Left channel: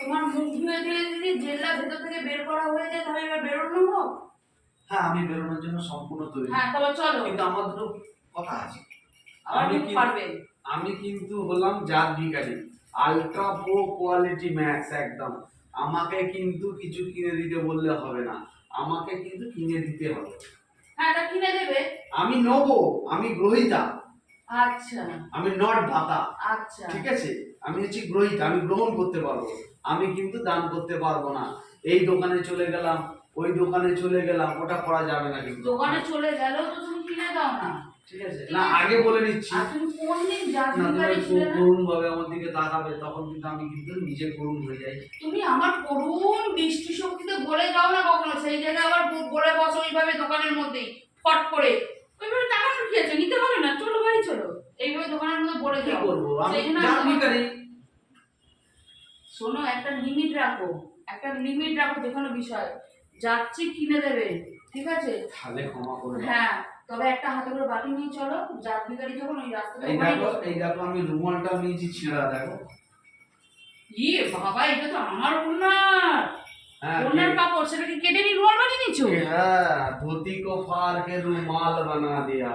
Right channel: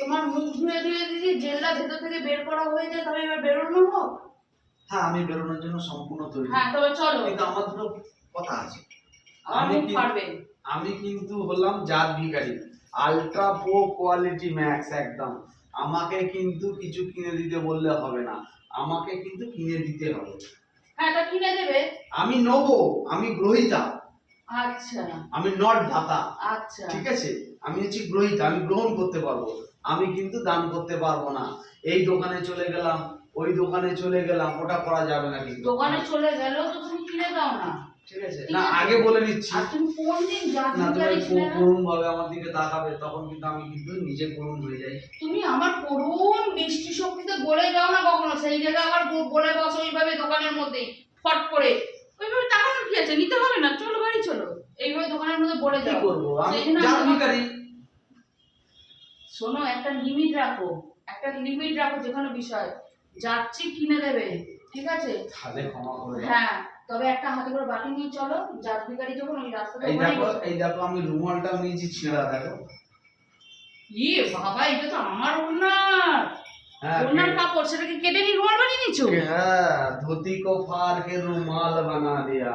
তোমার মুখ ধুয়ে ধুয়ে যদি জেলটা ভেতর থেকে বের করা হয়ে যায় তবে এবার বেরোনো হোক। হ্যাঁ, আমি বেরোনোর জন্য সম্পূর্ণ তৈরি। হ্যাঁ তবে চলো, কিন্তু আমার দুটো কথা আছে। আমার মুখ পারবে। আমি কিন্তু হলাম জাত ভিখারি, আলট্রা প্রো কোয়ালিটি ম্যাক্স একদম। আমাকে কিন্তু কিছু কিনে দিতে বললে হবে না, আমাকে কিন্তু কিনে দিতে হবে। হ্যাঁ এটা কিনে দেবে। আমি নেবো, আমি গ্রহীতা। আচ্ছা আমি নট দাতা। আচ্ছা ঠিক আছে, আমি হচ্ছি গ্রহীতা, আমি গ্রহণ করতে পারবো, আমি কিন্তু দান করতে পারবো না। এই দোকানে চলে গেলাম, ওই দোকানে চলে গেলাম, ওটা করা যাবে না কিন্তু। দোকানে চলে গেলেও তো তুমি কিনে দাও না। ঠিক আছে, না আগে বলে দিচ্ছি। আর তুমি কোন দিন জাত না, ভিখারি তুমি ছিলে না? করুণ ভাবে আমার দিকে তাকাবে, তখন কিন্তু আমি কিন্তু নিজে করুণ হয়ে যাই। তুমি আমার করুণ দৃষ্টি শক্তিতে বলে যাও না কখনো, সেই জায়গায় আবার বলে বসো ওইভাবে দোকানের মধ্যেই ফট করে। ওইভাবে তাকানোর কি আছে, নিতে হবে না, চলো বাড়ি চলো, এইভাবে দোকানের মধ্যে বলে কি যাও। করবো আমি সেই জন্য জাত ভিখারি। শোনো, একটা লিমিট রাখো, একটা লিমিট রাখো যে কোনো বিষয়। যাচ্ছি কিনে দেবে, ঠিক আছে? তাহলে ক্ষমা করে দাও। হ্যাঁ, তবে একটা হাতে করে বাটি নিয়ে চলো, জাত ভিখারি যখন ওই রাস্তাতে এই ওখানেই দেখো, বসো। এই দেখো আমি রুমালটা নিয়েছি ছেঁড়া, দেখো। ইয়ে বাবা, এটা তো আমার ওনার হ্যাঁ, ওনার কাপড়, সেটাকে কেটে নিয়ে রুমাল বানিয়ে নিচ্ছো? হ্যাঁ, ধুতি কো ফার কে রুমাল বানা দিয়া।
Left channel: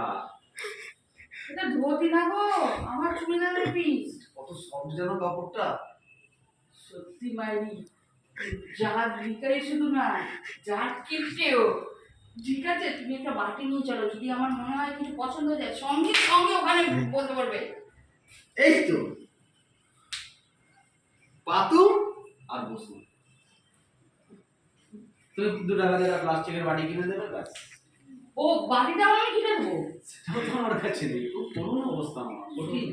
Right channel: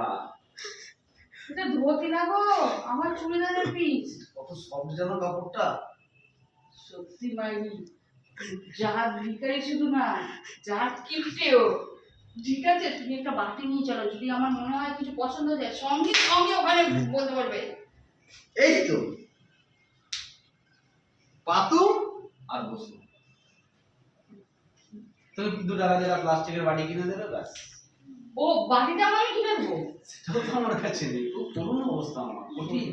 এটা ধোতি না গো, আমার চুড়িদারের পিস। কত সফট যেন কাপড়টা। সত্যি মাইরি, জাত ভিখারি শুধু না, জাত কিনতেও। ঠিক আছে, তুমি একটা বাটি নিয়ে চলো, যদি আমার মনে হয় কিছু পছন্দ হয়ে যায় সঙ্গে সঙ্গে ওখানে বলতে পারবে। এই তো পাতু আর বসু, তুমি 2 টাকা দিয়ে প্লাস্টিকের বাটি কিনে দেবে, ব্যাস। ও বাটিটাও আমি কিনে দেবো? সেটা তো আমার কাছে নেই, খুব করুণ অবস্থা, আমার কঠিন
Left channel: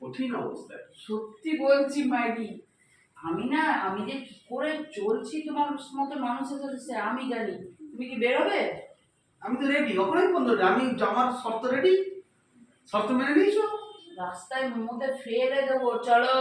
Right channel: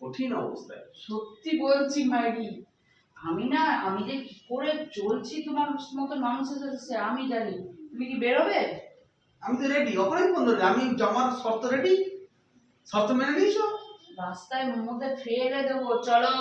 কঠিন অবস্থায়। সত্যি বলছি মাইরি, আমি যে কি করে চলছি তোমার মতো মানুষের সাথে সে আমি জানি। তুমি কি বেরোবে? আমি তো রেডি, ওখানেই বন্ধ রে, আমি জমার শর্ত রেডি, শর্ত মেনে নিয়েছো। রাস্তায় মধ্যে ফেলে দেবো, চলো।